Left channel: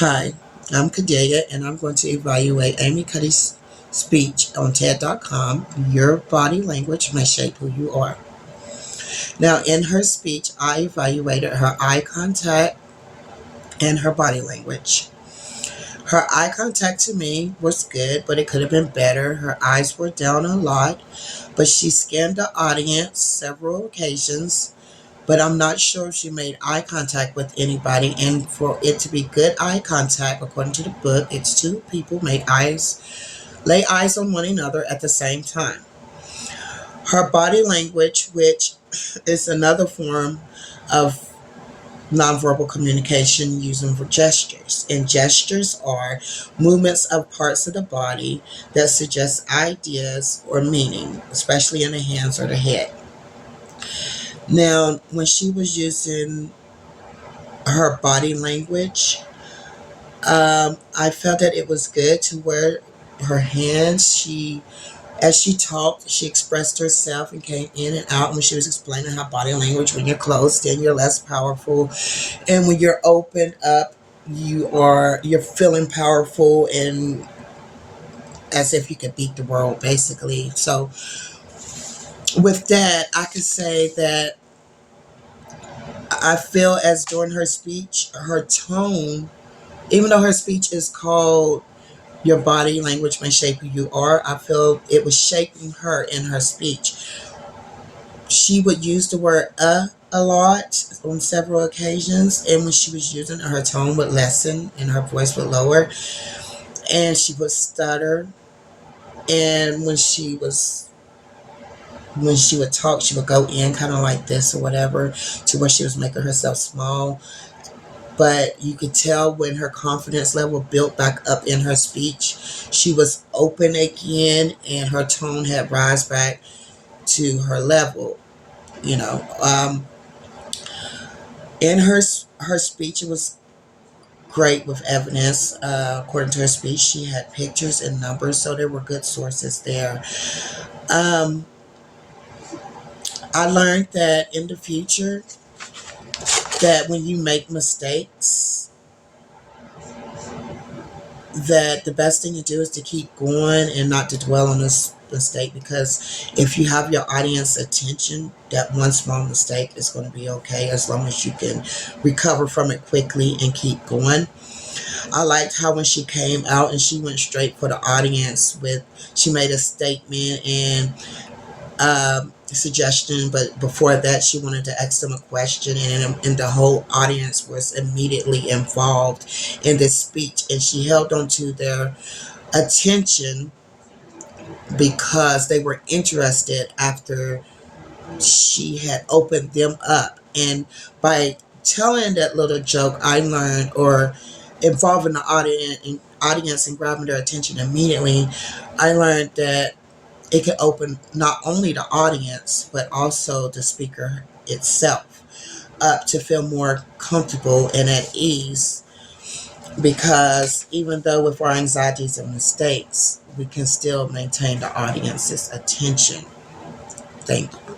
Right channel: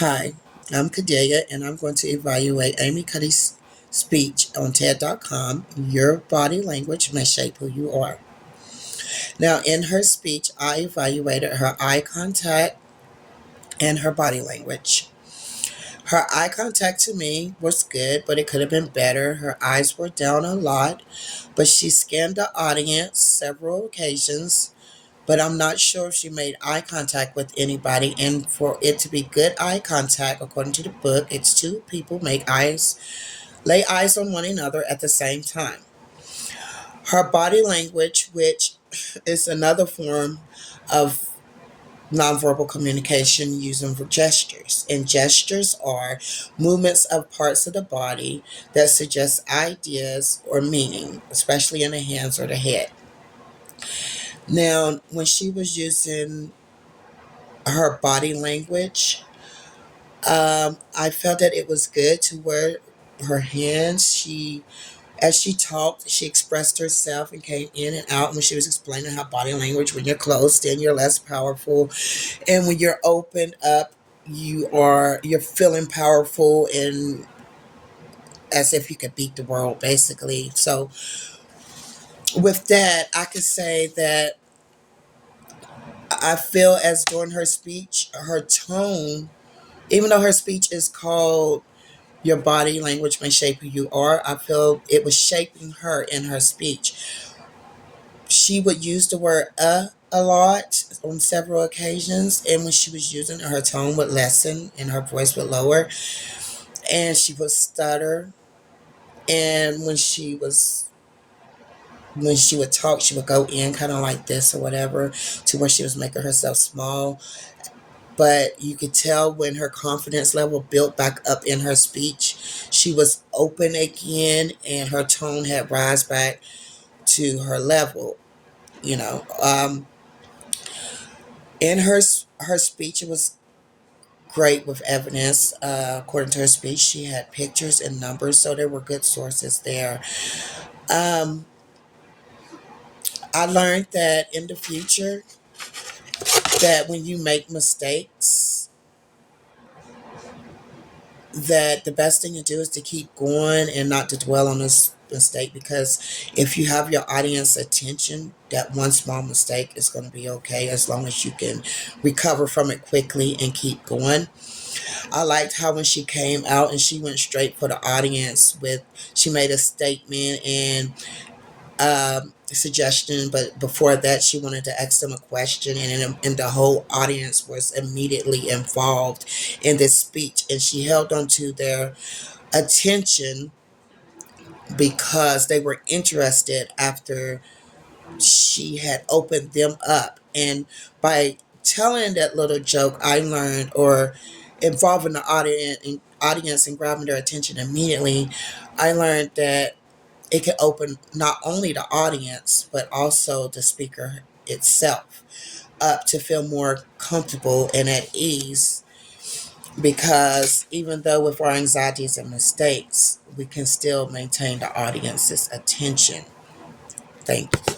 Hi, I'm Kadelia, and I'm going to evaluate Amy Cuddy's speech on TED.com. Your body language may shape who you are. Now, in her speech, I evaluated her eye contact and her body language. Her eye contact to me was good, but it could have been better. Her eyes were down a lot, but she scanned the audience several occasions. But I'm not sure if she made eye contact with anybody. And for it to be good eye contact, according to the book, it's two people lay eyes on one another at the same time. Her body language, which is another form of nonverbal communication using for gestures. And gestures are movements of parts of the body that suggest ideas or meaning, especially in the hands or the head. Now, when she was using her body language, I felt that it was good to wear her hands. As she talked, she expressed herself and came in and out. When she was explaining her body language, when you're closed in, you're less powerful, and when you're opened up, you're feeling powerful and as if you could beat the world, basically. So, with that, I could say that I feel as during her speech, her tone, even though her speech is called Your Body Language May Shape Who You Are, I feel it was shaping her in her speech. She would use the word a lot on several occasions, and when she was using it, her tone would lessen and her voice would lower, and she would stutter. And when she would talk, she would go in kind of like this or whatever, to where she was making herself small. But you could tell when her confidence level built back up in her speech, she was open again and her tone had rise back to her level. You know, in her speech, it was great with evidence. According to her speech, she had pictures and numbers, so there were good sources there. Um, I learned that in the future, that when you make mistakes, that the best thing to do is to keep going and not to dwell on this mistake, because if you have your audience attention, that one small mistake is going to be okay as long as you can recover from it quickly and keep going. I liked how when she came out and she went straight for the audience she made a statement and suggestion, but before that she wanted to ask them a question, and the whole audience was immediately involved in this speech, and she held on to their attention because they were interested after she had opened them up. And by telling that little joke, I learned, or involving the audience and grabbing their attention immediately, I learned that it could open not only the audience, but also the speaker itself up to feel more comfortable and at ease. Because even though with our anxieties and mistakes, we can still maintain the audience's attention. Thank you.